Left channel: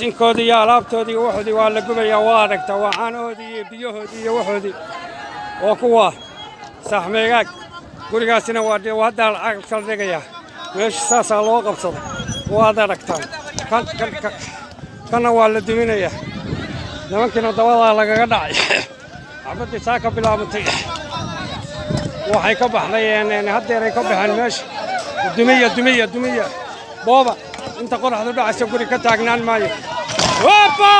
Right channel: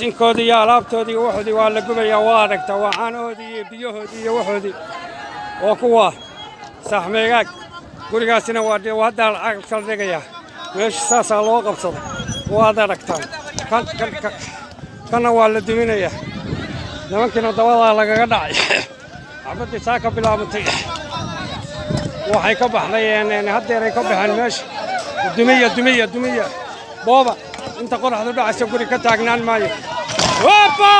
sinkoodii iyo alaabtoodii waxoodii waa la gubayaa waa aragtaa waa caanahoodii iyo biyahoodii iyo waxoodii oo kuwa saxmeegaag gurigaasina waa hadda lacag kala dhigayaa meesha saasaa loo qabsado waad aragtaan kana waa la duminayaa nimankiina dabadaa lagaga dhacay xabaddii saa ka bilaabantay waxay ka baxday haddeeray ka baxeen meesha dumiya booba inta qoraxdu dhacaysa guri ka taagnaan maayo hoppa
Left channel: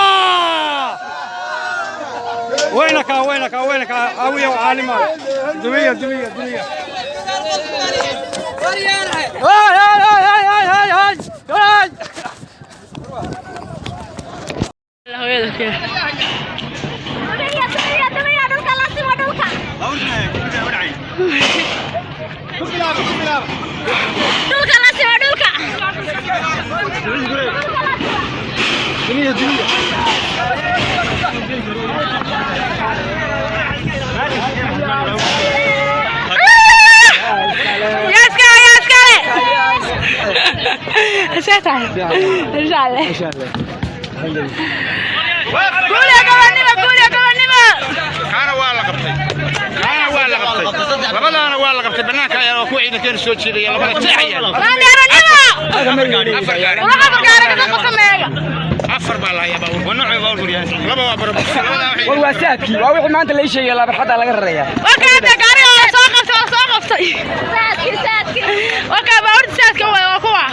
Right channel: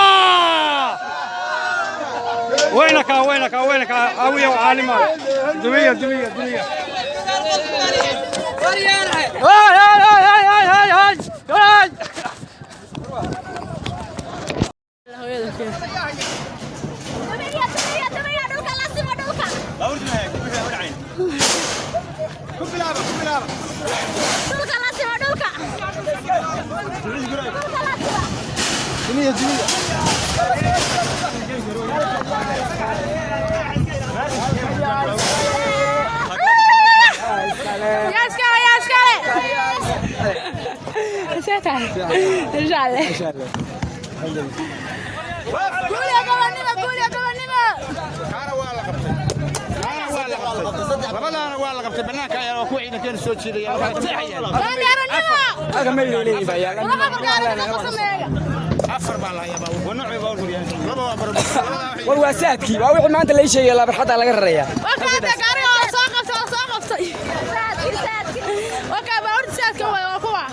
وينك عاوية وعالمة دمية أفر بالله يا بابا ونوع يقول يا لبا وبرب والواساتي وأول ما أنت اللي شيء يلا بحط على الريا وكان تقاري ساقط وكان بعد ساقط وكوا